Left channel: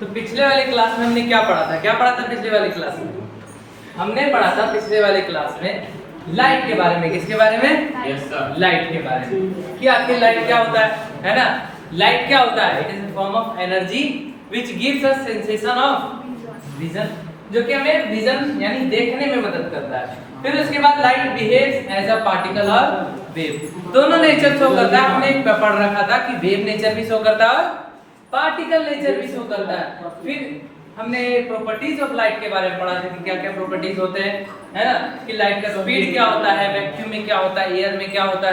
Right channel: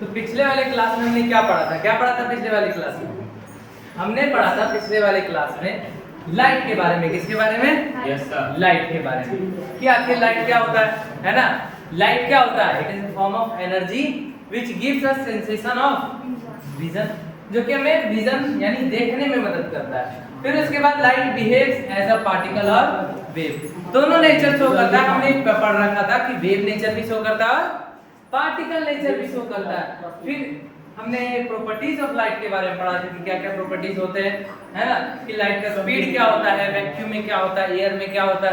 तो पिछले वाले क्लास में हमने क्या पढ़ा था? क्या पढ़ा था पिछले वाली क्लास में? हमने पढ़ा था पिछले वाली क्लास में लाइट के बारे में। किसके बारे में? Yes sir. लाइट के बारे में कि आखिर लाइट क्या होता है ना? लाइट क्या होता है? It is a form of energy which gives us sensation of vision, जो कि हमें विजन यानी देखने में मदद करता है। फिर उसके बाद light behaves as a particle और वेव। दोनों नेचर शो करता है। हमने एक पढ़ रखा था कि वेव नेचर भी शो करता है और पार्टिकल नेचर भी शो करता है। फिर हमने प्रॉपर्टीज ऑफ लाइट के बारे में पढ़ा था कि क्या क्या प्रॉपर्टीज होते हैं, है ना? कि लाइट का स्पीड क्या होता है, वैक्यूम में क्या होता है, एयर में क्या होता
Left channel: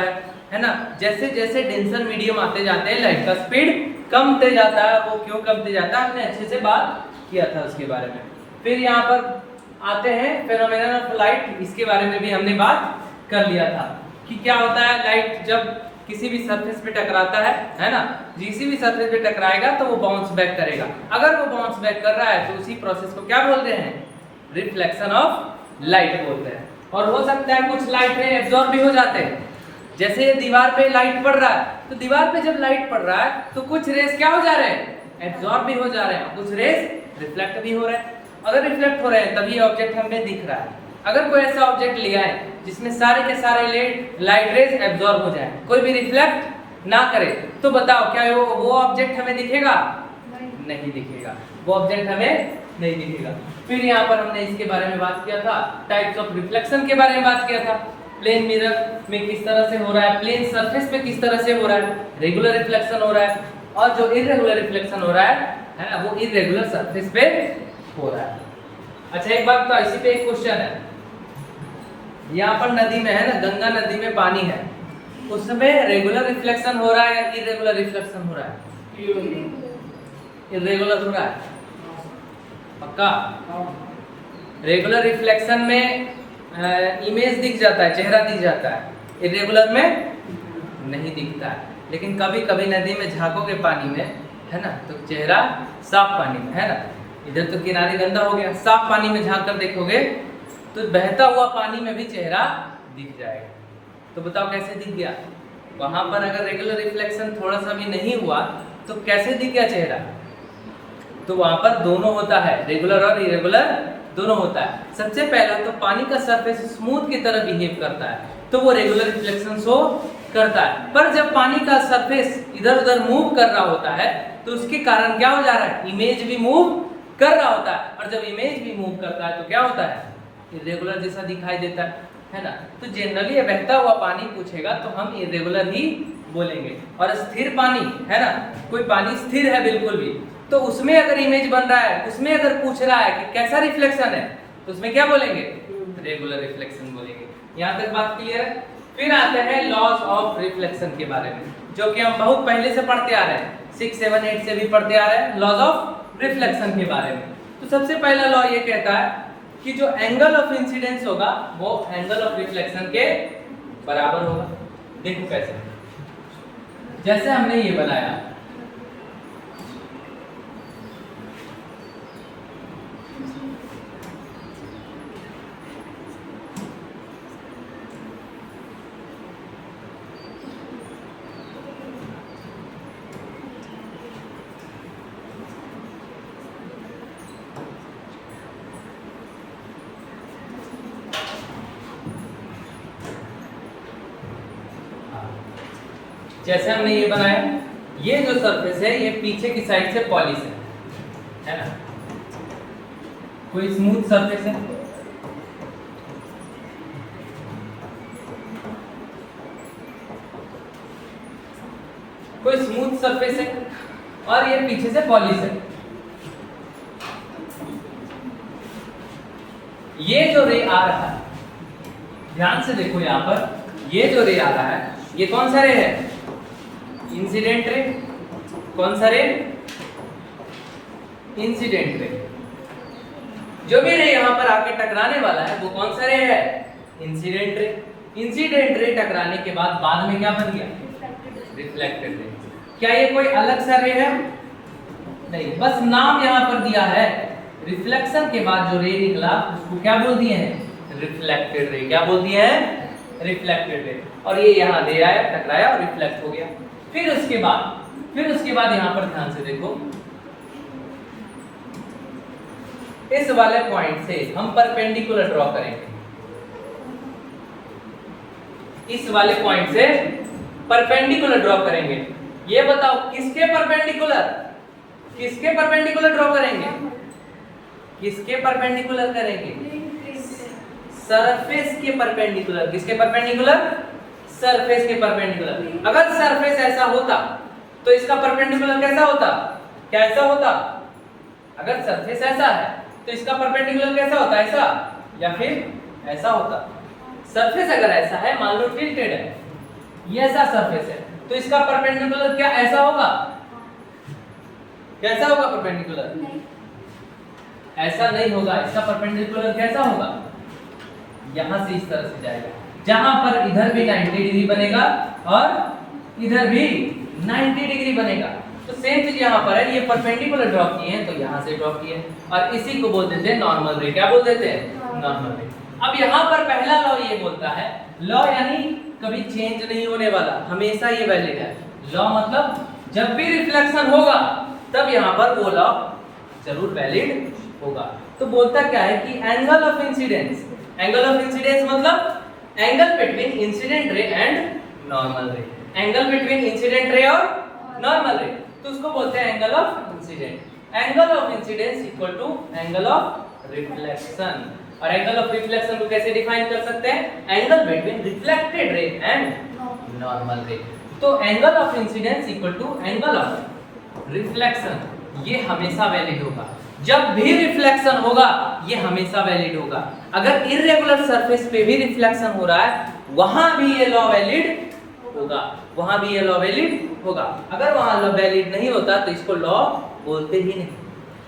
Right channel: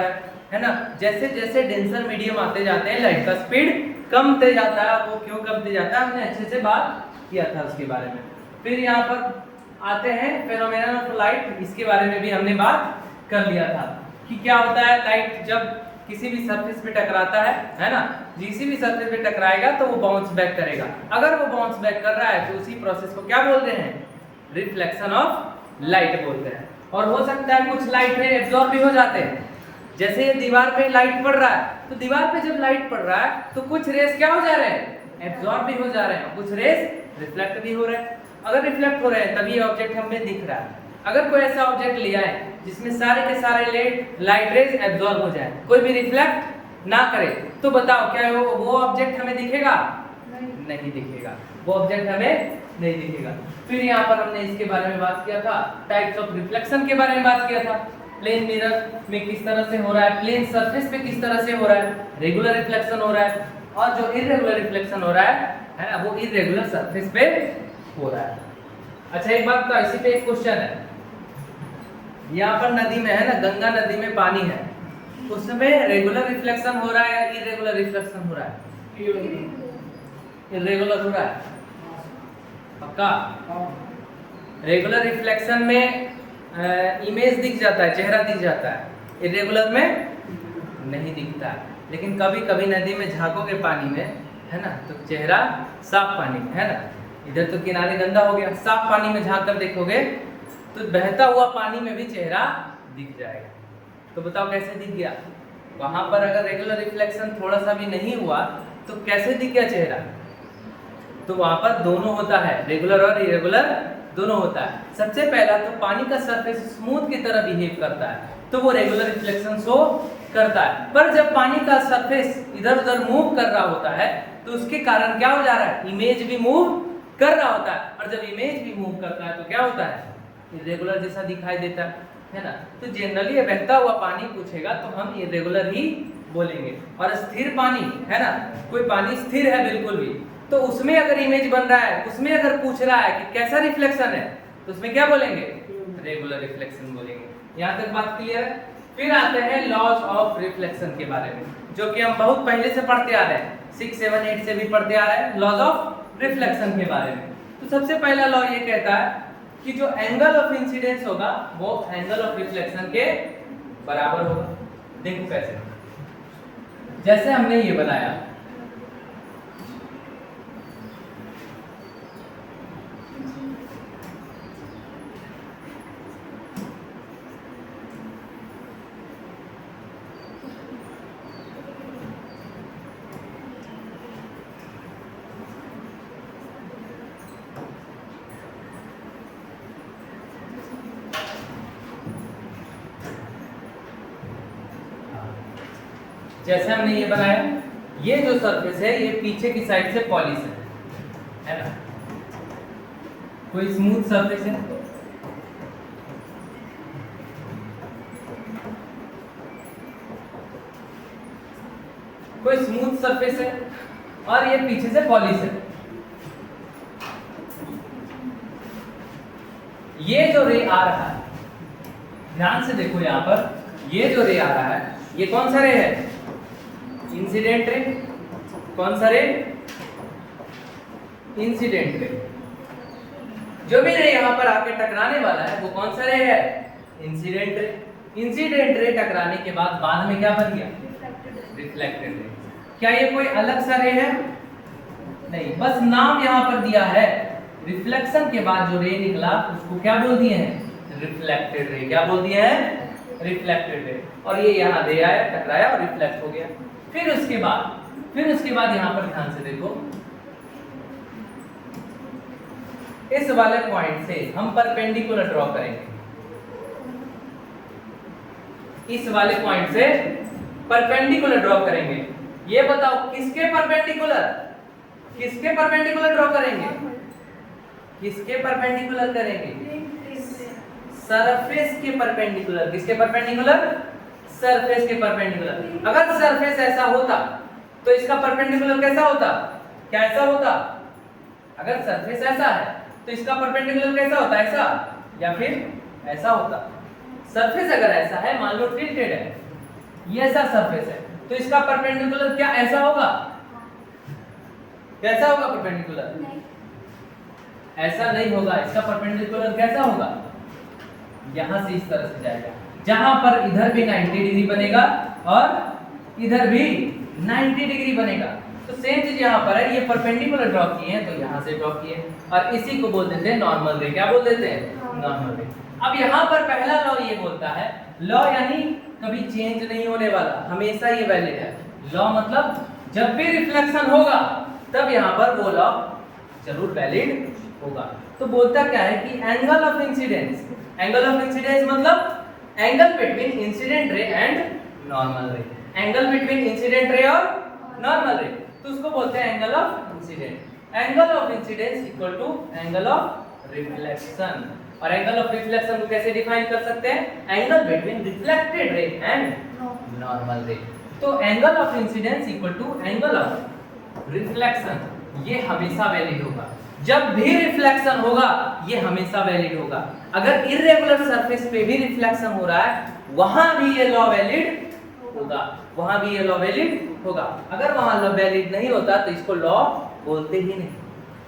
है ना? जैसे जैसे डेंसर मीडियम आते जाते हैं लाइट का स्पीड कमते जाता है। वो क्यों कमते जाता है हमने अच्छे से बात किया था उसके बारे में। फिर यहाँ पर आते हैं फेनोमेनन ऑफ लाइट, इसके बारे में भी हमने बात कर लिया था कि क्या होता है लाइट जब किसी भी सरफेस पे टकराता है ना? किसी भी सरफेस पे टकराएगा तो वो बाउंस बैक करेगा। अगर वो बाउंस बैक कर रहा है तो उसी प्रोसेस को क्या बोलते हैं? रिफ्लेक्शन ऑफ लाइट बोलते हैं। और हो सकता है कुछ लाइट रे एब्जॉर्ब भी हो जाते हैं। जैसे ये दीवार पे लाइट पड़ रहा है तो दीवार पे जब लाइट पड़ रहा है तो कुछ रेस क्या हो जा रहे हैं? एब्जॉर्ब भी हो जा रहे हैं, कुछ रेस रिफ्लेक्ट भी हो रहे हैं। अगर रिफ्लेक्ट हो रहे हैं तभी ये ऑब्जेक्ट हमें दिख रहा है। अगर कोई ऐसा ऑब्जेक्ट लिया है जिसमें सारे के सारे लाइट रेज एब्जॉर्ब हो जाए, कोई भी रिफ्लेक्ट ना करे, तो बताओ क्या वो ऑब्जेक्ट हमें दिखेगा? नहीं दिखेगा, वो ऑब्जेक्ट हमें नहीं दिखेगा। फिर यहाँ पर हमने इसके बारे में बात किया था, टाइप्स ऑफ रिफ्लेक्शन के बारे में बात किया था। प्लेन मिरर में किस तरह से हो रहा है, प्लेन सरफेस पे किस तरह से हो रहा है, रेगुलर रिफ्लेक्शन हो रहा है, और जो इरेगुलर रिफ्लेक्शन हो रहा है ना, वो इरेगुलर सरफेस पे हो रहा है। अच्छा एक बात तो इसी पे एक क्वेश्चन है, यहाँ पर नदी में है ना, गंगा नदी में पानी है, उसमें रेगुलर रिफ्लेक्शन हो रहा है या इरेगुलर रिफ्लेक्शन हो रहा है? इरेगुलर हो रहा है पक्का। रेगुलर रिफ्लेक्शन में इमेज दिख जाता है, चेहरा दिख जाता है, इरेगुलर में नहीं दिखता है। लेकिन कभी कभी नदी में झांकोगे पानी में, है ना, तो चेहरा साफ पानी में, है ना, इधर तो किनारे गंदा हो गया, साफ पानी में झांक कर देखोगे तो बहता हुआ पानी में भी चेहरा दिख जाएगा। तो बताओ कैसे दिख गया? वहां पर अगर रेगुलर रिफ्लेक्शन थोड़ा सा भी नहीं हुआ तो कैसे दिख गया चेहरा? तो वहां पर दोनों होता है, रेगुलर और इरेगुलर दोनों होता है। सबसे पहला तो पानी का सरफेस स्मूथ की तरह बिहेव करता है तो वो रेगुलर रिफ्लेक्शन शो करता है। पर जब पानी का सरफेस इधर उधर मूव कर रहा होता है तो उसके कारण क्या हो जा रहा है? इमेज भी मूव कर रहा होता है, और जब इमेज भी मूव करता है तो क्या होता है? इरेगुलर जैसा दिखाई देता है ना। तो जनरली बहता हुआ पानी पूछेगा तो हम इरेगुलर ही बोलेंगे। और स्थिर पानी है ना, कोई पानी स्थिर है बिल्कुल भी, तो उसमें अगर इमेज बन रहा है, उसमें अगर पूछ रहा है कि कैसा रिफ्लेक्शन है, तो उसमें क्या बोलेंगे? रेगुलर रिफ्लेक्शन बोलेंगे। यहाँ तक बात क्लियर है? फिर आते हैं लॉज ऑफ रिफ्लेक्शन के बारे में, जो कि हम बहुत पहले से पढ़ते आ रहे हैं, 6, 7, 8 से भी पढ़ते आ रहे हैं लॉज ऑफ रिफ्लेक्शन के बारे में। तो सबसे पहला लॉ ये कहता है कि जो एंगल ऑफ इंसिडेंस होगा वो एंगल ऑफ रिफ्लेक्शन के बराबर होगा। देखो कैसे, जैसे हमने ये बनाया, जैसे हमने ये बनाया, ये जो सरफेस है ये पीछे की साइड से पॉलिश है ना, कोई स्मूथ सरफेस है, कोई स्मूथ सरफेस है, और ये पीछे से पॉलिश है। ये जो रे आ रहा है, ध्यान से देखो यहाँ पर, ये जो रे आ रहा है ये कौन सा रे है? Incident ray. कौन सा रे? Incident ray. जो भी रे यहाँ पर आके टकराने वाला है वो कौन सा रे है? Incident ray. इंसिडेंट रे टकराने के बाद में क्या बन गया? Reflected ray. क्या ये कोई अलग सा रे है? नहीं, बस नाम यहाँ पर दिया है। रिफ्लेक्शन के बाद जो रे निकला उसको क्या बोल दिए हैं? Reflected ray. क्या बोल दिए हैं? Reflected ray. और ये यहाँ दे आया, टकराया और रिफ्लेक्ट हो गया। फिर उसके बाद यहाँ पर ध्यान से देखो, इस वाले पॉइंट से हम परपेंडिकुलर ड्रॉ करेंगे, इस वाले पॉइंट से परपेंडिकुलर ड्रॉ करेंगे। ये बताओ किसके परपेंडिकुलर, किसके परपेंडिकुलर ड्रॉ करेंगे, किसके परपेंडिकुलर करेंगे, सरफेस के परपेंडिकुलर। किसके परपेंडिकुलर, सरफेस के परपेंडिकुलर। अगर सरफेस ऐसा होता तो इसका परपेंडिकुलर कैसा होता, कैसा होता, अगर सरफेस ऐसा है तो इसका परपेंडिकुलर कैसा होता, ऐसा या फिर ऐसा होता। सरफेस अगर ऐसा है, मान लो टिल्टेड है, ये ऐसा सरफेस है, तो इसका परपेंडिकुलर क्या ऐसा होगा, कैसा होगा परपेंडिकुलर, ऐसा नहीं होगा। इसका परपेंडिकुलर कैसा होगा, यहां से इस तरह से जाएगा, जहां पर इधर भी 90 डिग्री बनेगा और इधर भी 90 डिग्री बनेगा। तो सेम चीज यहाँ पर है, ये परपेंडिकुलर ड्रॉ किए हैं तो यहाँ से ड्रॉ किए हैं, और इसी को बोल देते हैं नॉर्मल रे। क्या बोल देते हैं, नॉर्मल रे। अब यहाँ पर पहला लॉ ये बोलता है, लॉ यानी कभी चेंज नहीं होने वाला, हमेशा ये वैलिड है। लॉ मतलब जब भी रिफ्लेक्शन होगा तब यहाँ पर वो लॉ जरूर वैलिड होगा। तो बोलता क्या है कि angle of incidence, angle of incidence मतलब angle between incident ray and normal ray, angle between incident ray और नॉर्मल रे, तो उसको बोलते हैं angle of incident. Angle of incidence equal to angle of reflection. और एंगल ऑफ रिफ्लेक्शन को कैसे define कर सकते हैं, angle between reflected ray and normal ray. तो angle of incidence equal to angle of reflection, ये हमेशा वैलिड होगा। जब भी रिफ्लेक्शन होगा ये हमेशा वैलिड होगा। अगर इर्रेगुलर सरफेस पे भी रिफ्लेक्शन हो रहा है वहां भी ये लॉ वैलिड होगा, वहां भी ये लॉ वैलिड होगा। अगर वहां लॉ वैलिड नहीं होता तो इसको लॉ बोलते ही नहीं।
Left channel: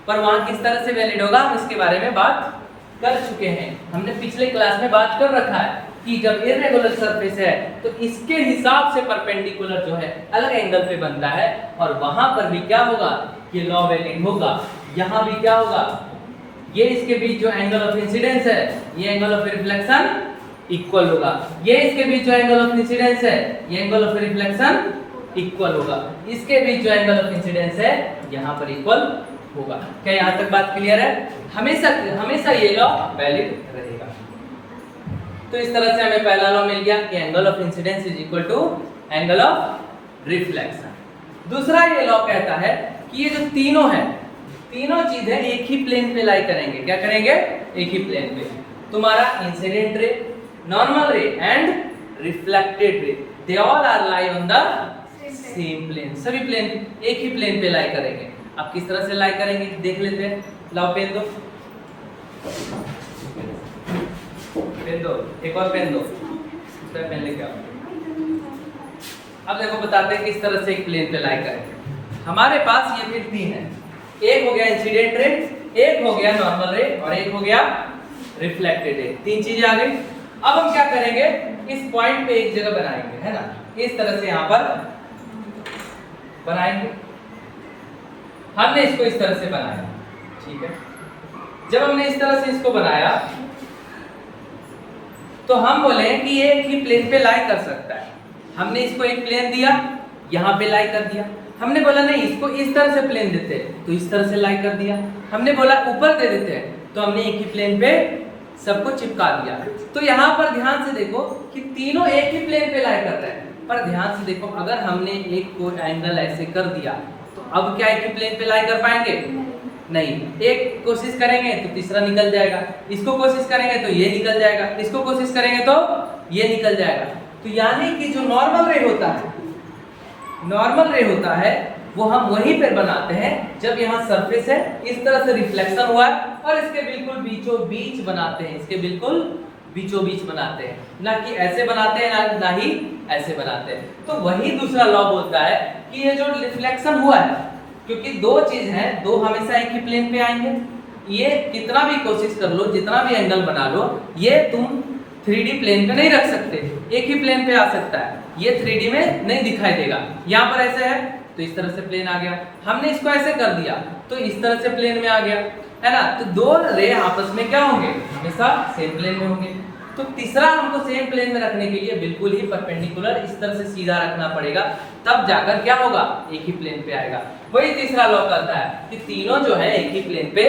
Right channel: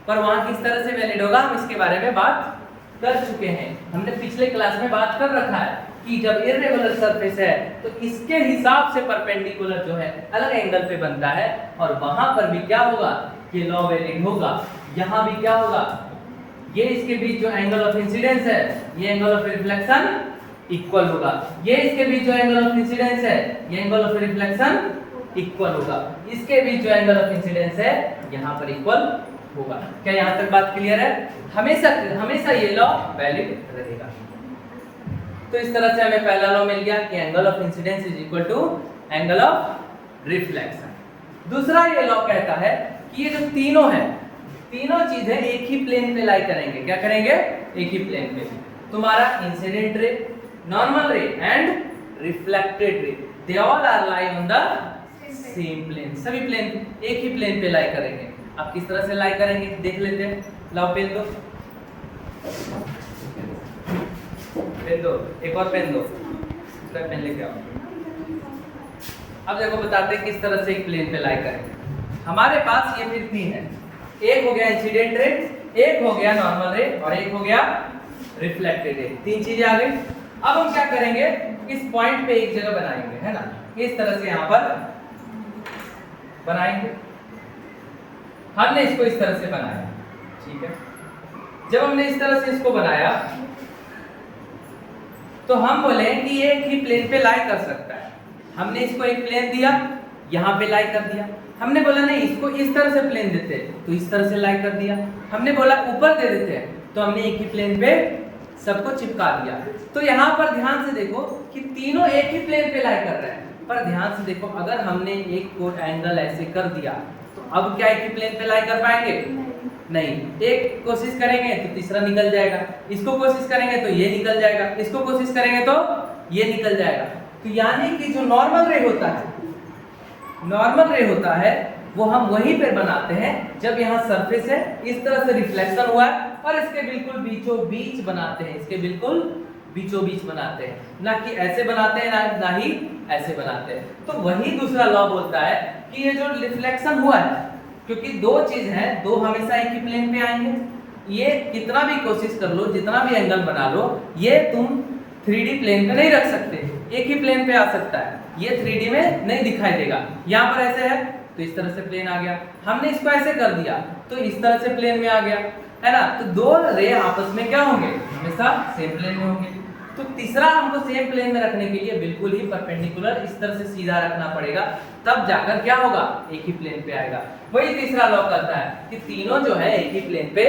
पर वहां किस तरह से वैलिड होगा हम इसके बारे में बात कर चुके हैं, हमने पिछले क्लास में बात कर रखा है कि जब इर्रेगुलर सरफेस है तो इसके हिसाब से परपेंडिकुलर जो है अलग एंगल पे बनता है, और वहां पर भी क्या होगा, ये लॉ वैलिड होगा। यहाँ भी क्या होगा, ये इसके बीच जो एंगल ऑफ इंसिडेंस है ये एंगल ऑफ रिफ्लेक्शन इक्वल होगा, ये इसके बीच जो एंगल ऑफ इंसिडेंस है ये एंगल ऑफ रिफ्लेक्शन इक्वल होगा, इसके बीच जो एंगल ऑफ इंसिडेंस है यहाँ पर इक्वल होगा। क्या यहाँ तक बात क्लियर है, हमेशा हमेशा ये लॉ वैलिड रहेगा। तो इस तरह से हमें पहला लॉ मिल गया कि angle of incidence is equal to angle of reflection. दूसरा ये लॉ कहता है कि ये जो तीनों है, तीनों चीजें एक ही प्लेन पे लाई करेंगे। क्या करेंगे, एक ही प्लेन पे। तुम्हारा इंसिडेंट रे, नॉर्मल रे and reflected ray, they all are lie on the same plane. सभी प्लेन एक ही प्लेन पे लाई करेंगे। अब किस तरह से लाई करेंगे देख लेते हैं। लाओ पेन दो, पेन दो, एक और पेन दो, उसका पेन लेके आओ। अब देखो बताते हैं किस तरह से एक प्लेन पे लाई करें। हमारे पास ये कितनी है, एक हो गया इंसिडेंट रे, एक हो गया नॉर्मल रे और एक हो गया रिफ्लेक्टेड रे। तीन चीजें आ गई। अब हम क्या करेंगे, इस पॉइंट पे एक जगह बनाएंगे, है ना, इस तरह से यहां पर बनाएंगे। हमने इसको इस तरह से बनाया, ठीक है। जब हमने इस तरह से इसको बनाया तो हम बोले कि ये एक ही प्लेन पे लाई कर सकता है। हमने इसको एक प्लेन दिया, यहाँ पे लाई कर दिया। हमने बोला नहीं इसको इस तरह से प्लेन देते हैं तो इस तरह से लाई कर दिया। हमने बोला ऊपर दे देते हैं तो हमने एक ही प्लेन पे सबको चिपका दिया। तो यहाँ पर ध्यान से देखो कि तीनों एक ही प्लेन पे लाई कर रहे हैं, पर ध्यान से देखो अगर हमने एक को एंगल ऐसे कर दिया तो अब क्या एक ही प्लेन पे लाई कर पाएंगे, नहीं। एक कोशिश करेंगे तो तीसरा निकल जाएगा, इसको कोशिश करेंगे तो ये निकल जाएगा, इसको कोशिश करेंगे तो ये निकल जाएगा। तो यानी कि जो नॉर्मल रे होता है, नॉर्मल रे होता है वो हम वहीं पे बनाते हैं जब यहाँ सरफेस है, इस तरह से रिफ्लेक्शन हुआ और इसके बिल्कुल बीचों बीच बनाते हैं, इसके बिल्कुल बीचों बीच बनाते हैं, ना कि ऐसे बनाते हैं ना ही ऐसे बनाते हैं। तो वही दूसरा लॉ बोलता है कि ये जो रिफ्लेक्शन हुआ है, क्योंकि दो चीज है, दो हमेशा एक ही प्लेन पे आएंगे। ये कितना भी कोशिश कर लो, जितना भी एंगल बना लो, ये तुम 3D प्लेन पे नहीं रख सकते, एक ही प्लेन पे आ सकता है। ये 3D में नहीं दिखाई देगा। यहाँ पर ऐसे है तो इस तरह से प्लेन आ गया, हमने इसको ऐसे कर दिया तो इस तरह से प्लेन में आ गया, है ना। तो दो रे आपस में क्या होंगे, हमेशा सेम प्लेन में होंगे। तो तीसरा हमको सेम प्लेन में रखने के लिए बिल्कुल ही परपेंडिकुलर इस तरह से सीधा रखना पड़ेगा, तब जाकर क्या होगा, एक ही प्लेन पे आएगा। वही तीसरा लॉ कहता है कि तीनों जो है एक ही प्लेन पे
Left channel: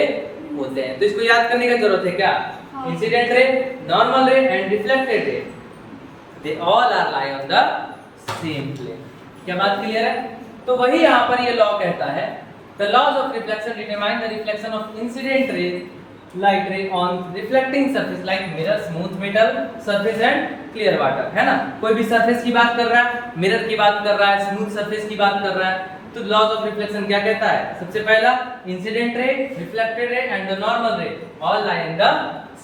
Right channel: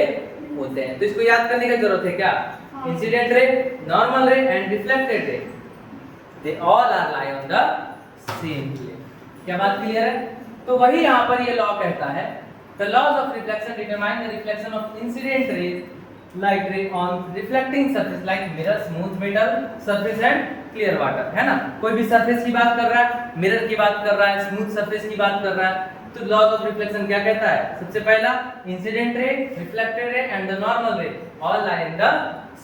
होते हैं। तो इसको याद करने की जरूरत है क्या? इंसिडेंट रे, नॉर्मल रे and reflected ray, they all are lie on the same plane. क्या बात क्लियर है? तो वही यहाँ पर ये लॉ कहता है, the laws of reflection determine the reflection of incident ray light ray on reflecting surface like mirror, smooth metal surface and clear water, है ना। कोई भी सरफेस की बात कर रहा है, मिरर की बात कर रहा है, स्मूथ सरफेस की बात कर रहा है, तो लॉज ऑफ रिफ्लेक्शन क्या कहता है? सबसे पहला incident ray, reflected ray and the normal ray all lie in the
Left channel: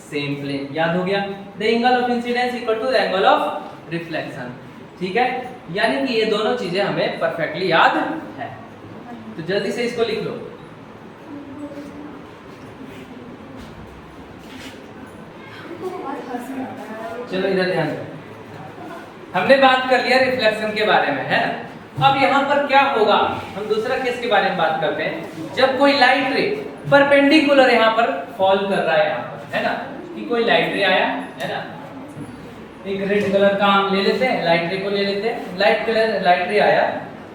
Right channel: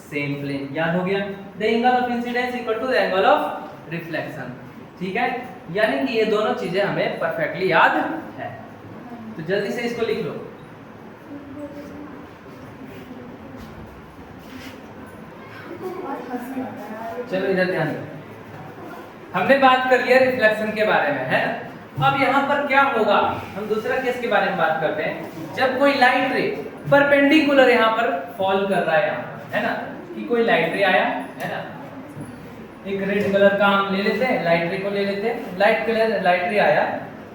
same plane. याद हो गया? The angle of incidence equal to the angle of reflection. ठीक है, यानी कि ये दोनों चीजें हमें परफेक्टली याद है। तो जल्दी से इसको लिख लो। चलो इधर ध्यान दो। हमने बात कर लिया रिफ्लेक्शन के बारे में, है। अब यहाँ पर क्या होगा, हम दूसरा केस के बारे में बात करते हैं। जब कोई लाइट रे परपेंडिकुलर यहाँ पर फॉल कर रहा है, यहाँ पर, है ना, कि कोई लाइट रे आया, है ना, एक रेड कलर का हम ले लेते हैं, लाइट रे को ले लेते हैं, लाइट रे आया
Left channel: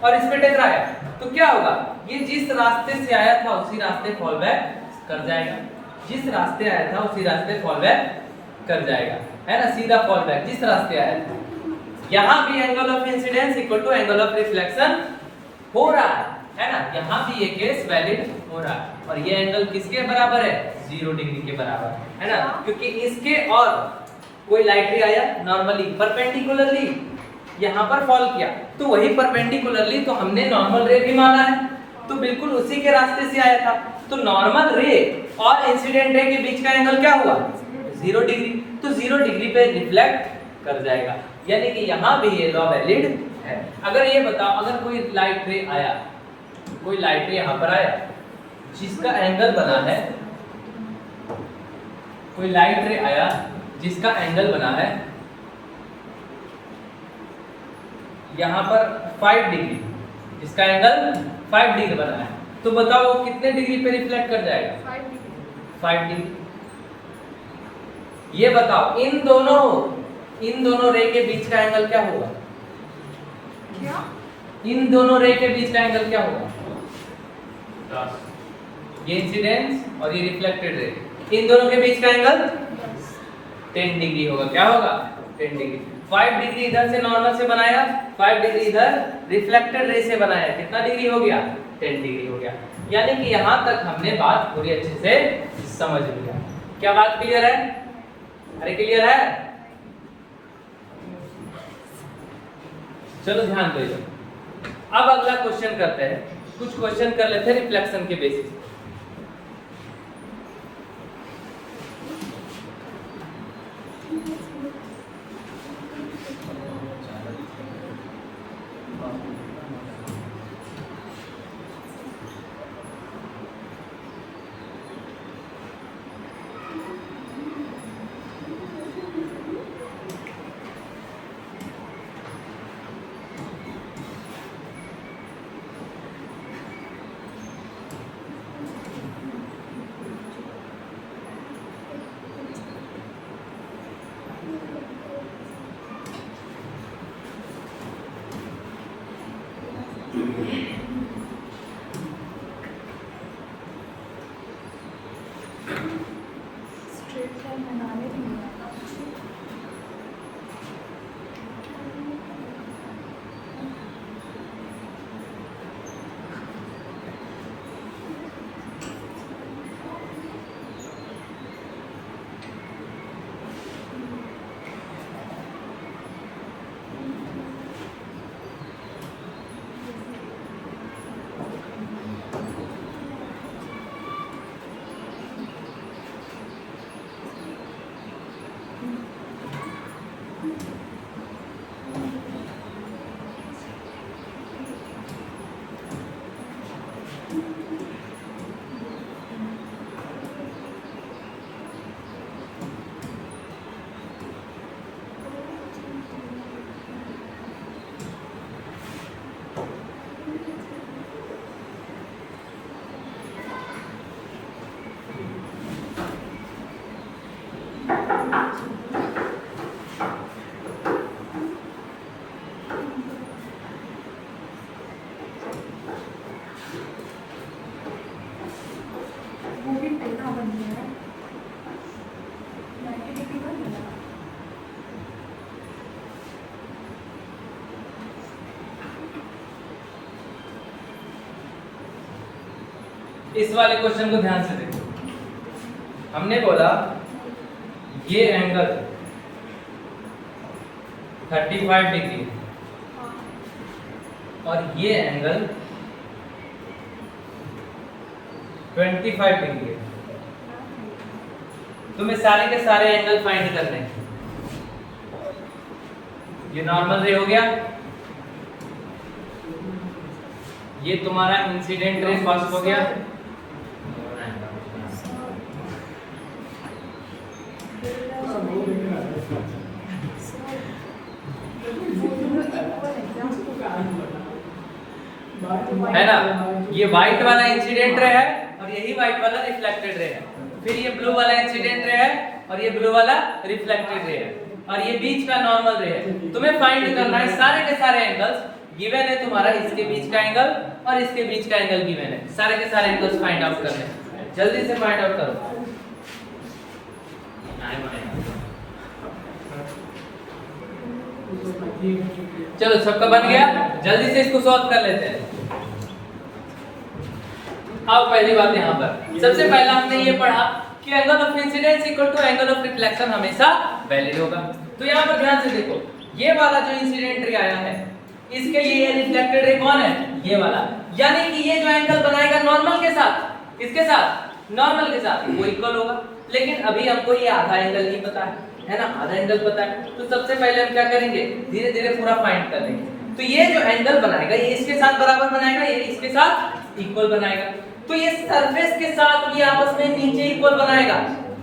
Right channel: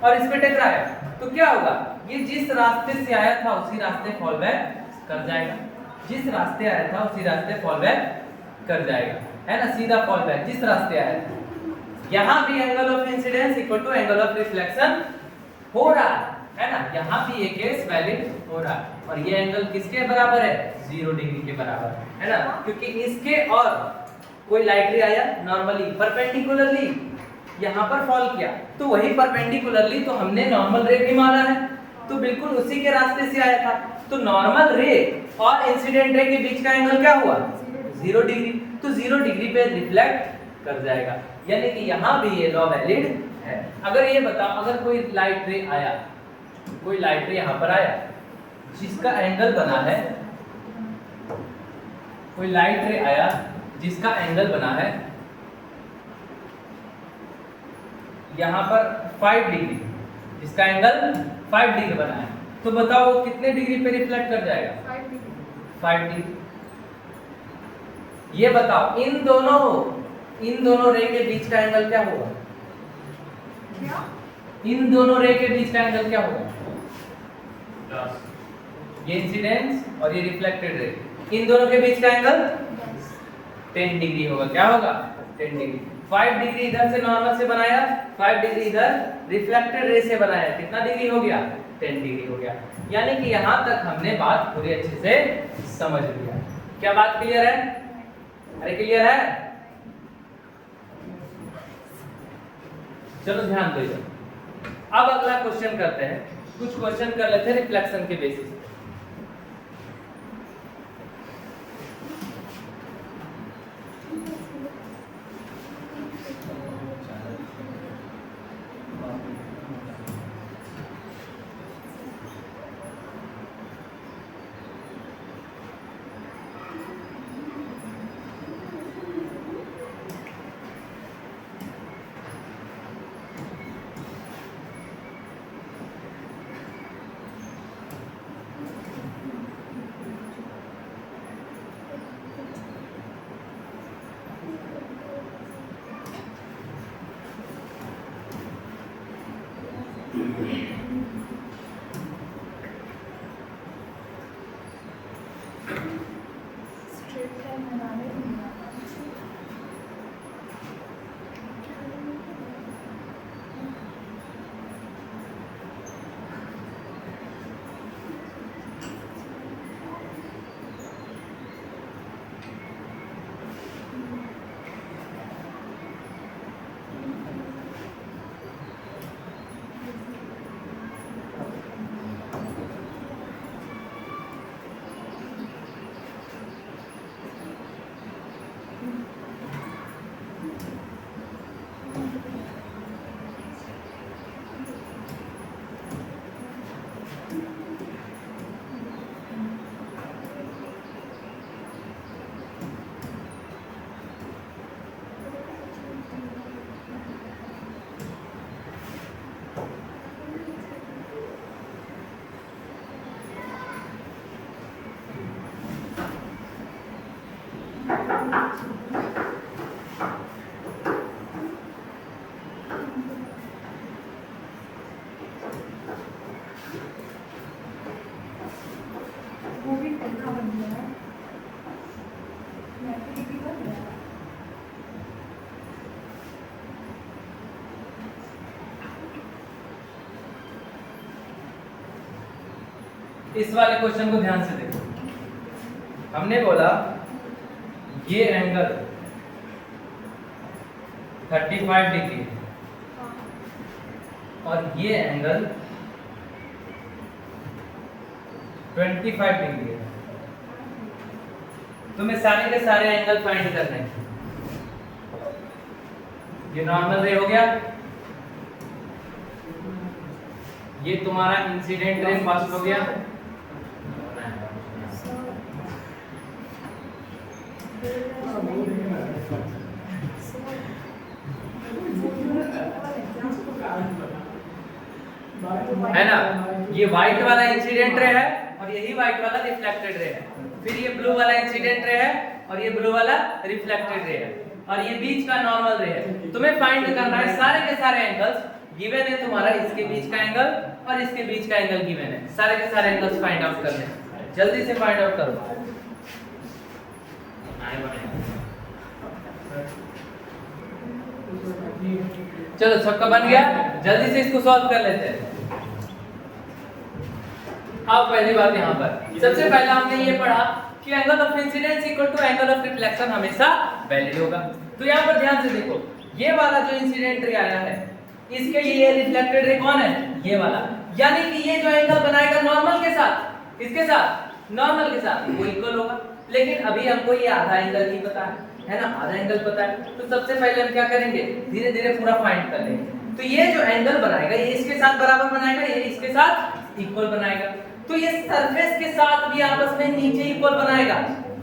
और इस पे टकराया, तो क्या होगा? ये जिस रास्ते से आया था उसी रास्ते फॉल बैक कर जाएगा। जिस रास्ते आया था उसी रास्ते फॉल बैक कर जाएगा, है ना, सीधा फॉल बैक जिस रास्ते आया था। यहाँ भी angle of incidence equal to angle of reflection हो रहा है ना। यहाँ भी ये केस वैलिड हो रहा है और ये एंगल किसके बराबर है? 0 डिग्री के बराबर, है ना, क्योंकि इसके और कोई लाइट रे आया नॉर्मली परपेंडिकुलरली यहाँ पर फॉल किया, तो वही परपेंडिकुलरली तो हमने नॉर्मल रे भी माना है, तो बिल्कुल उसी के रास्ते से आया था। तो नॉर्मल रे और इंसिडेंट रे के बीच का एंगल क्या हुआ? 0 डिग्री। तो 0 डिग्री पे रिफ्लेक्ट कर जाएगा, यानी कि यहाँ भी ये लॉ वैलिड है। अगर ये बताओ, अगर कोई लाइट रे आया, कोई लाइट रे यहाँ पर आया जिसका एंगल बना है, कोई लाइट रे आया जिसका एंगल बना है यहाँ पर 5 डिग्री, जिसका एंगल 5 डिग्री बना है, तो बताओ कितने डिग्री पे रिफ्लेक्ट कर जाएगा? 5 डिग्री। ये बताओ इन दोनों रे के बीच का एंगल क्या होगा? इन दोनों रे के बीच का एंगल क्या होगा? ये इंसिडेंस और ये रिफ्लेक्टेड रे, इन दोनों के बीच का एंगल 10 डिग्री होगा। क्या होगा? 10 डिग्री। 5 डिग्री इधर से नॉर्मल से बनाया, 5 डिग्री इधर रिफ्लेक्टेड रे से बनाया, कितना डिग्री हो गया? 10 डिग्री हो गया। यानी कि यहाँ तक हमने बात पूरी अच्छे से समझ लिया। क्या बात क्लियर है? अरे क्लियर है? चलो ध्यान दो इधर। अब अगला क्वेश्चन करते हैं, कुछ क्वेश्चन कर लेते हैं रिफ्लेक्शन के बेसिस पे। इस वाले क्वेश्चन को ध्यान से देखो। हमने बोला ये एंगल 35 डिग्री और ये एंगल 25 डिग्री है। तुम्हें सारे के सारे एंगल फाइंड करने हैं। ये नॉर्मल रे हो गया, ये तुम्हारा इंसिडेंट रे फर्स्ट हो गया, है ना। ये व्हाइट वाला इंसिडेंट रे है और यही व्हाइट वाला रिफ्लेक्टेड रे है। फिर ये ब्लू वाला इंसिडेंट रे है और ये ब्लू वाला रिफ्लेक्टेड रे है और ये बीच का नॉर्मल रे है। तुम्हें फाइंड करना है सारे के सारे एंगल्स गिवन है तुम्हारा, इसके बीच का एंगल और इसके बीच का एंगल गिवन है। सारे के सारे एंगल्स फाइंड आउट करने हैं, जल्दी से फाइंड आउट करो। चलो सबका बन गया, जल्दी से इसको सॉल्व कर लेते हैं। अब पहली बात यहाँ पर सबसे पहला हमने ये पढ़ा कि angle of incidence equal to angle of reflection हमेशा वैलिड होगा। तो यहाँ पर ध्यान से देखो, ये वाला जो इंसिडेंट रे आया है इसके लिए रिफ्लेक्टेड रे कौन है, ये वाला। यानी कि ये जो एंगल बनाएगा नॉर्मल के साथ, किसके साथ, नॉर्मल के साथ, वो इक्वल होगा। लेकिन अभी हमको ये आधा एंगल नहीं पता है ना, आधा एंगल पता है। तो सबसे पहले हम क्या करेंगे, धीरे धीरे पूरा फाइंड कर लेंगे। तो ये जो एंगल बनाएगा ये इसके साथ बराबर बनाएगा, ये इसके साथ इक्वल बनाएगा। तो ये सरफेस के साथ भी आपस में नीचे इक्वल बनाएगा,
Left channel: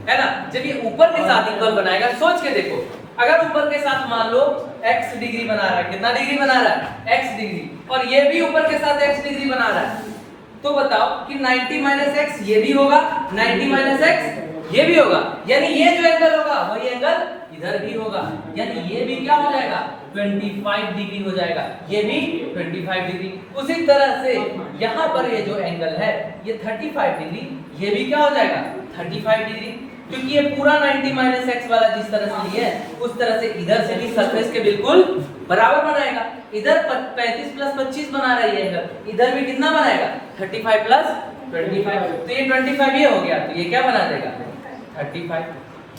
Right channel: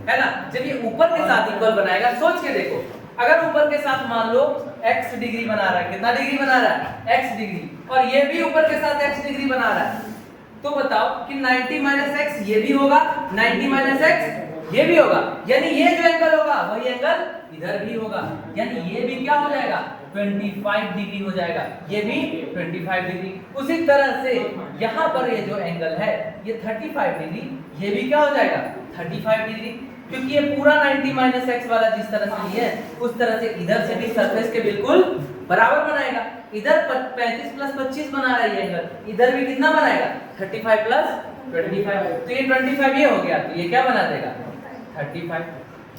है ना। जब ये ऊपर के साथ इक्वल बनाएगा, सोच के देखो, अगर ऊपर के साथ मान लो x डिग्री बना रहा है, कितना डिग्री बना रहा है, x डिग्री, और ये भी ऊपर के साथ x डिग्री बना रहा है, तो बताओ कि 90 - x ये भी होगा, 90 - x ये भी होगा। यानी ये जो एंगल होगा वही एंगल इधर भी होगा। यानी ये भी क्या हो जाएगा, 25 डिग्री हो जाएगा, ये भी 25 डिग्री। उसी तरह से यहाँ पर ये जो एंगल है ये 35 डिग्री, ये भी क्या हो जाएगा, 35 डिग्री। क्योंकि ये पूरा 90 - x वाला जिस तरह से ये है उस तरह से इधर से भी सरफेस के बिल्कुल बराबर बनाएगा। इधर 35 + 25 बना रहा है ये एंगल, इधर भी कितना बनाएगा, 35 + 25। तो ये 25 ये हो गया, तो ये क्या बना देगा, 35।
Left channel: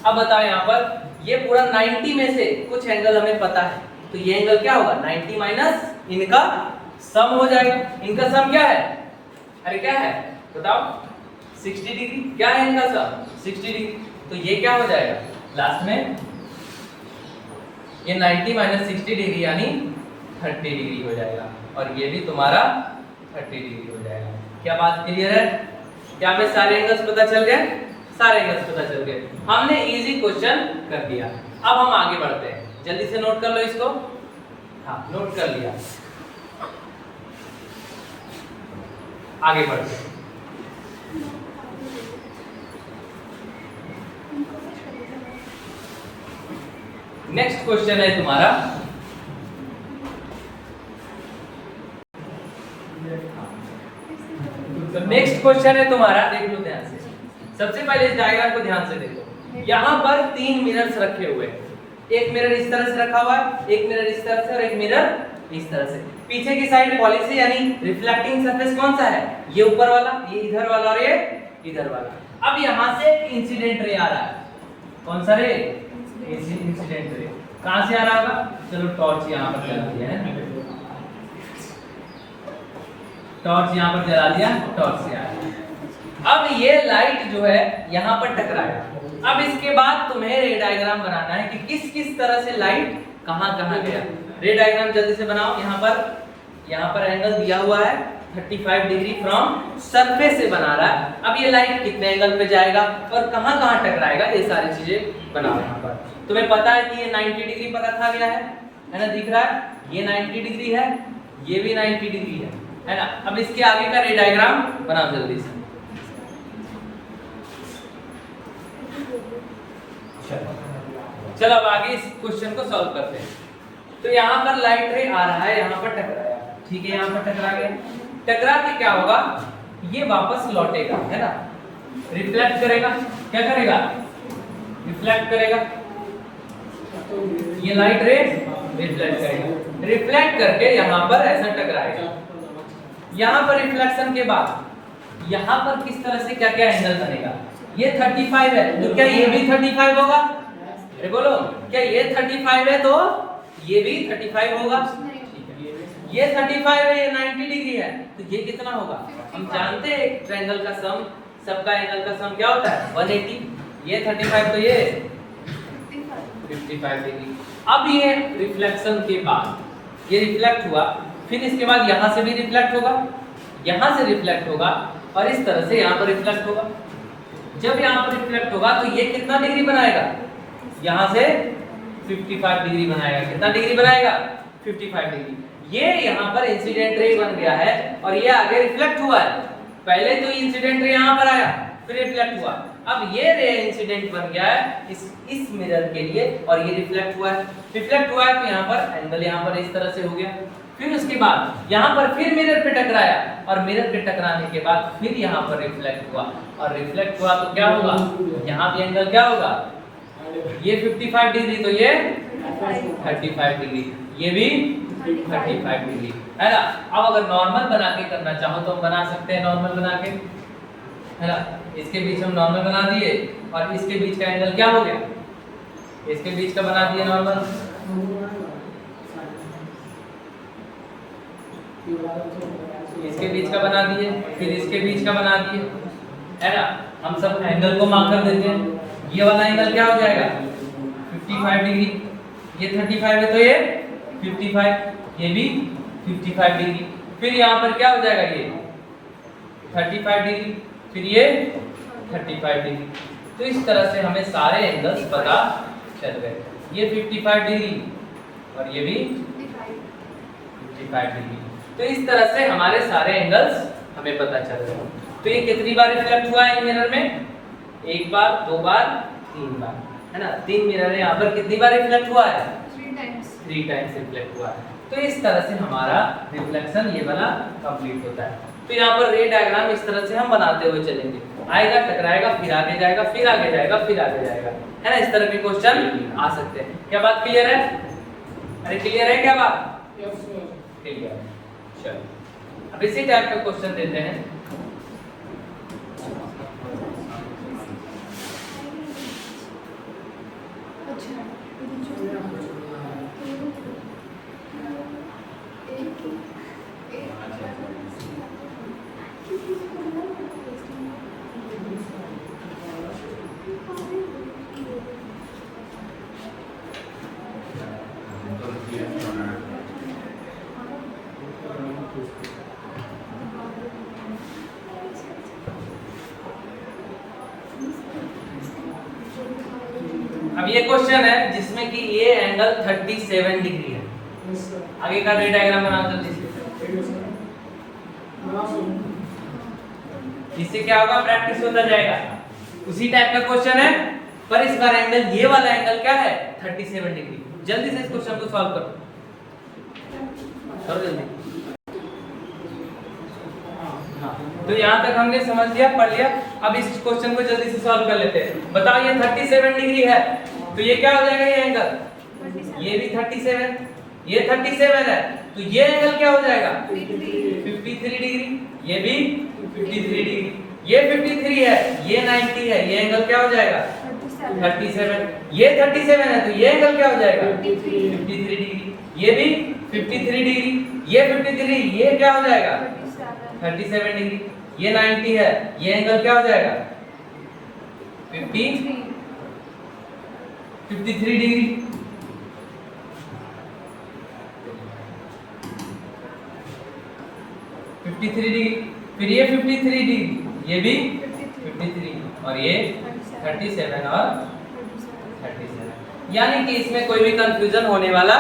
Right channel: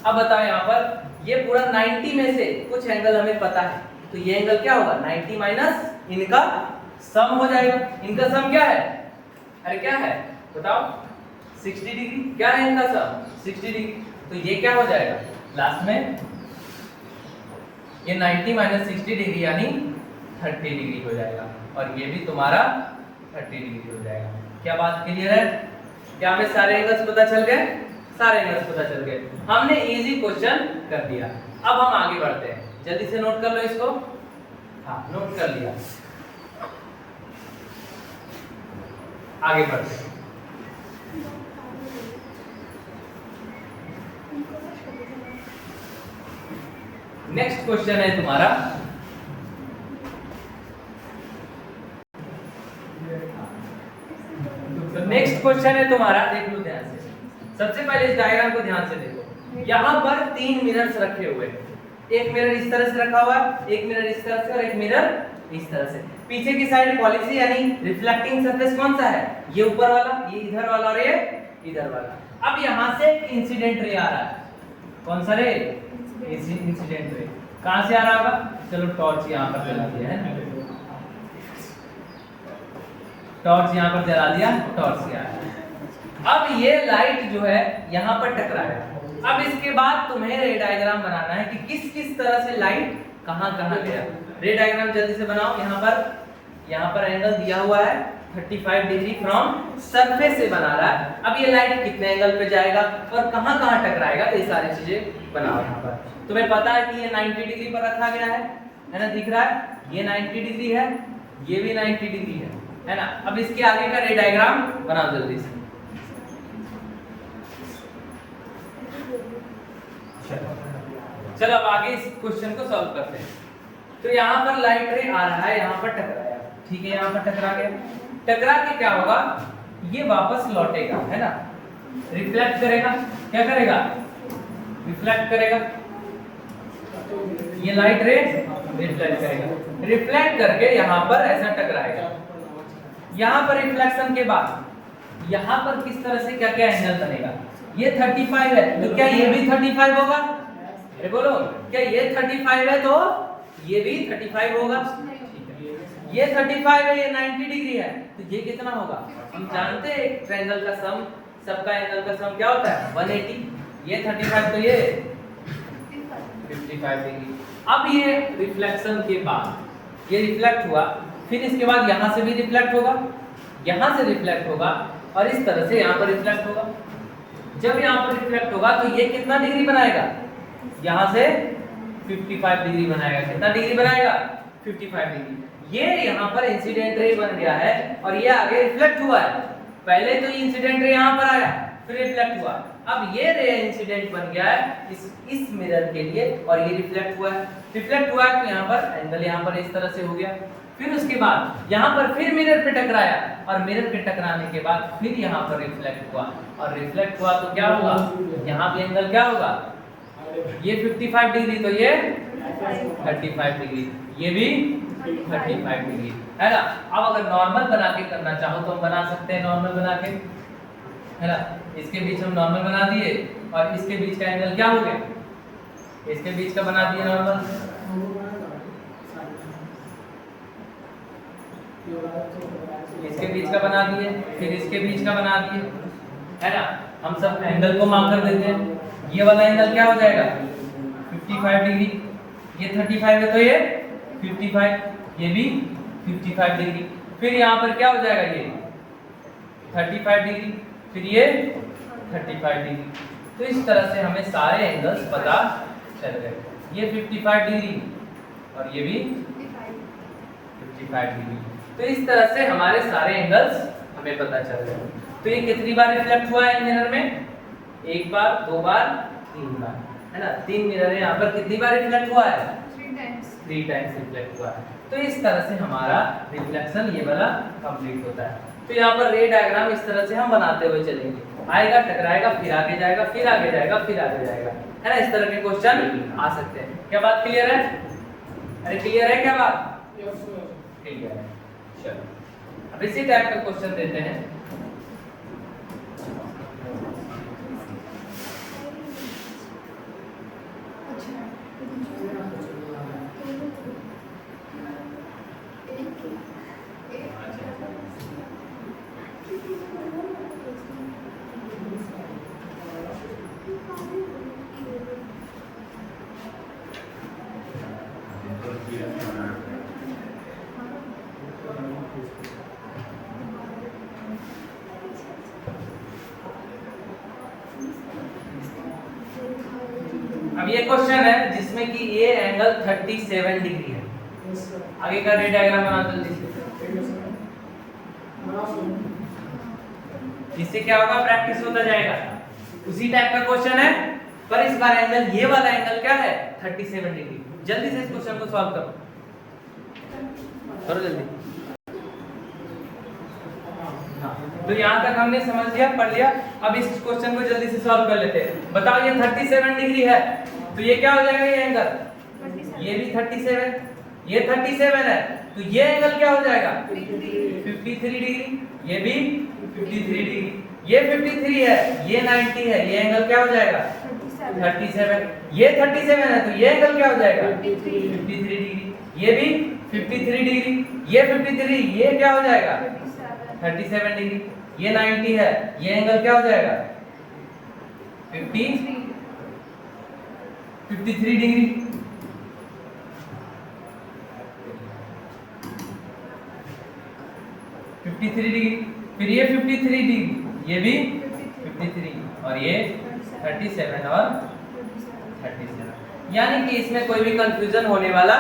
अब बताओ यहाँ पर ये पूरा 90 में से कुछ एंगल हमें पता है, तो ये एंगल क्या होगा, 90 माइनस इनका सम हो जाएगा। इनका सम क्या है, अरे क्या है बताओ, 60 डिग्री। क्या है इनका सम, 60 डिग्री। तो ये क्या हो जाएगा लास्ट में, ये 90 - 60 डिग्री यानी 30 डिग्री हो जाएगा, और ये भी तुम्हारा 30 डिग्री हो जाएगा। क्या बात क्लियर है, क्या हमें सारे एंगल्स पता चल गए, सारे एंगल्स पता चल गए। हमने इजी क्वेश्चन कर दिया। अब हम आगे बढ़ते हैं, जल्दी से नोट कर लो इसको। हाँ नोट कर लिया, आगे बढ़ते हैं। नेक्स्ट क्वेश्चन है तुम्हारा, नेक्स्ट क्वेश्चन है तुम्हारा, देख लो ध्यान से। सबसे पहले इस डायग्राम को ध्यान से देखो। यहाँ पर 3 मिरर्स रखे हुए हैं, एक मिरर इस तरह से रखा हुआ है, एक मिरर इस तरह से और एक मिरर इस तरह से। पीछे की साइड पॉलिसी यानी रिफ्लेक्टिंग सरफेस कौन सा है, ये ऊपर वाला, ये इधर वाला रे, इधर वाला। अब यहाँ से इंसिडेंट रे आ रहा है, कौन सा रे, इंसिडेंट रे। कहां से आ रहा होगा, चलो टॉर्च यहाँ पर जला दिया है ना, टॉर्च यहाँ पर जला दिया, टॉर्च से आ रहा है। अब ये लाइट जो है यहाँ पर टकराया। अब इसके बाद तुम्हें रे डायग्राम बनाना है कि किस किस तरह से लाइट कहाँ कहाँ गया। रे डायग्राम जल्दी से बनाओ। यहाँ पर एंगल दिया हुआ है 35 डिग्री फ्रॉम सरफेस से बना रहा है। अब ये लाइट कितने एंगल पे जाएगा और कहाँ कहाँ टकराएगा, ये सारी चीजें बनाओ। यहाँ पर तुम्हें पता है कि ये 90 डिग्री पर रखा गया है ना, दिख रहा है, ये 90 डिग्री है, ये भी 90 डिग्री है ना। अब इसके आगे का रे डायग्राम बनाओ जल्दी से। चलो अब आगे इस क्वेश्चन को सॉल्व करते हैं। तो यहाँ पर लाइट रे आ रहा है, यहाँ पर टकराया, ठीक है, यहाँ पर टकरा गया। टकरा के क्या होगा, ये वापस लौटेगा, है ना, रिफ्लेक्ट करेगा। क्या करेगा, रिफ्लेक्ट करेगा। ये लाइट रे रिफ्लेक्ट करेगा, रिफ्लेक्ट करके यहाँ पर ऐसा टकराएगा। यहाँ पर रिफ्लेक्शन के बाद यहाँ पर किस तरह से क्या क्या एंगल बनेगा। ये 35 है तो क्या ये भी 35 होगा? अरे बोलो, क्या ये 35 है तो ये भी 35 होगा? ये 35 है, ये 90 डिग्री है, तो ये कितना होगा? हम जानते हैं ट्रायंगल का सम, सबका एंगल का सम क्या होता है 180। ये 35 तो ये 55 डिग्री। अब ये रिफ्लेक्शन के बाद ये रिफ्लेक्ट हुआ, फिर इसके बाद यहाँ से भी रिफ्लेक्ट होगा, यहाँ से रिफ्लेक्ट होगा और इस तरह से यहाँ पर रिफ्लेक्ट होगा। जब यहाँ पर रिफ्लेक्ट होगा तो ये कितना डिग्री बनाएगा? यहाँ से 55 डिग्री बनाएगा। कितना डिग्री बनाएगा? 55 डिग्री। ये यहाँ पर इंसिडेंट रे बन गया है और ये आगे रिफ्लेक्ट हुआ है। पहले तो इंसिडेंट रे यहाँ पर आया, फिर रिफ्लेक्ट हुआ, अब ये रे इंसिडेंट बन गया है इस मिरर के लिए और ये रिफ्लेक्ट हुआ है। रिफ्लेक्ट हुआ है तो यहाँ पर एंगल यहाँ पर इस तरह से हो गया। फिर उसके बाद यहाँ पर फिर मिरर पे टकराया और मिरर पे टकराने के बाद फिर यहाँ पर रिफ्लेक्ट हुआ और रिफ्लेक्ट हुआ तो क्या होगा? यहाँ भी एंगल क्या होगा? ये 55 डिग्री तो ये 35 डिग्री, ये भी 35 डिग्री है ना। अब अगर नॉर्मल बना के करना चाहो तो हम बना सकते हैं, नॉर्मल बना के, है ना। इसके बीच हम नॉर्मल बना दिए और इसके बीच का एंगल क्या हो गया? इसके बीच का बना दिए नॉर्मल, इसके बीच का बना दिए, फिर इसके बीच का बना दिए, है ना। हम सब एंगल को मार्क कर देते हैं। ये वाला एंगल क्या हो जाएगा? 55 डिग्री। ये 35 है तो ये 55, ये भी 55 डिग्री। फिर यहाँ पर क्या हो जाएगा? ये 35 डिग्री, फिर ये 35 डिग्री। तो इस तरह से हमें सारे एंगल्स पता चल गए। ये 55 डिग्री और ये भी 55 डिग्री। तो इस तरह से हमारे सारे एंगल्स हमें पता चल गए। तो ये कितनी बार रिफ्लेक्ट हुआ है मिरर में? एक बार, दो बार, तीन बार, है ना। तीन मिरर है, यहाँ पर कितनी बार रिफ्लेक्ट हुआ है? 3 टाइम्स रिफ्लेक्ट हुआ है। तो इस तरह से हमारा रिफ्लेक्शन ये वाला कंप्लीट होता है। तो यहाँ पर रे डायग्राम इस तरह से हम बनाते हुए चलेंगे। आएगा, टकराएगा, फिर आगे जाएगा, फिर आगे जाएगा, फिर आगे जाएगा, है ना। इस तरह के क्वेश्चन आ सकते हैं। क्या बात क्लियर है? अरे क्लियर है क्या बात? क्लियर है। चलो अब इसी टाइप का क्वेश्चन देते हैं। अब ये क्वेश्चन है जिसमें कि ये एंगल 37 डिग्री है। आगे का रे डायग्राम बना जल्दी से। इससे क्या होगा? प्रैक्टिस होता जाएगा। उसी टाइप का क्वेश्चन है पर इस बार एंगल, ये वाला एंगल क्या है? 37 डिग्री। जल्दी से इस क्वेश्चन को सॉल्व करो, करो जल्दी। तो यहाँ तक हमने समझ लिया, पढ़ लिया। अब इस क्वेश्चन को जल्दी से सॉल्व कर लेते हैं। बताओ ये 37 डिग्री है तो ये क्या हो जाएगा? ये एंगल, ये भी 37, ये 37 है तो ये एंगल क्या हो जाएगा? 53 डिग्री, ये भी 53 डिग्री, ये 53 है, ये 90 है, ये एंगल क्या हो जाएगा? 37। ये 37 है तो ये एंगल क्या हो जाएगा? 53 डिग्री, ये भी 53 डिग्री, ये 53, ये क्या हो जाएगा? 37 डिग्री, ये 90 है, ये एंगल क्या हो जाएगा? 53 डिग्री। फिर ये 53 डिग्री, ये भी 53 और ये 37 और 37, यानी कि इसमें कोई भी कंफ्यूजन होने वाला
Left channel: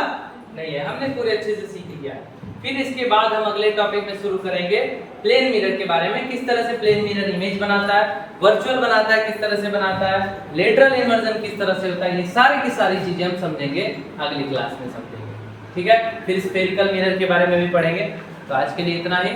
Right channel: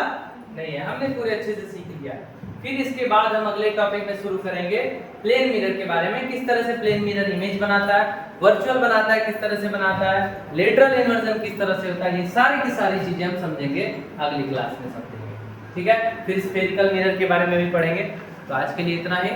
नहीं है। हमने पूरे अच्छे से सीख लिया। फिर इसके बाद हम अगले टॉपिक में शुरू करेंगे प्लेन मिरर के बारे में। किस तरह से प्लेन मिरर इमेज बनाता है, वर्चुअल बनाता है, किस तरह से बनाता है, लेटरल इमर्जन किस तरह से होता है, ये सारी की सारी चीजें हम समझेंगे अगली क्लास में समझेंगे। ठीक है, फिर स्फेरिकल मिरर के बारे में भी पढ़ेंगे। तो आज के लिए इतना ही।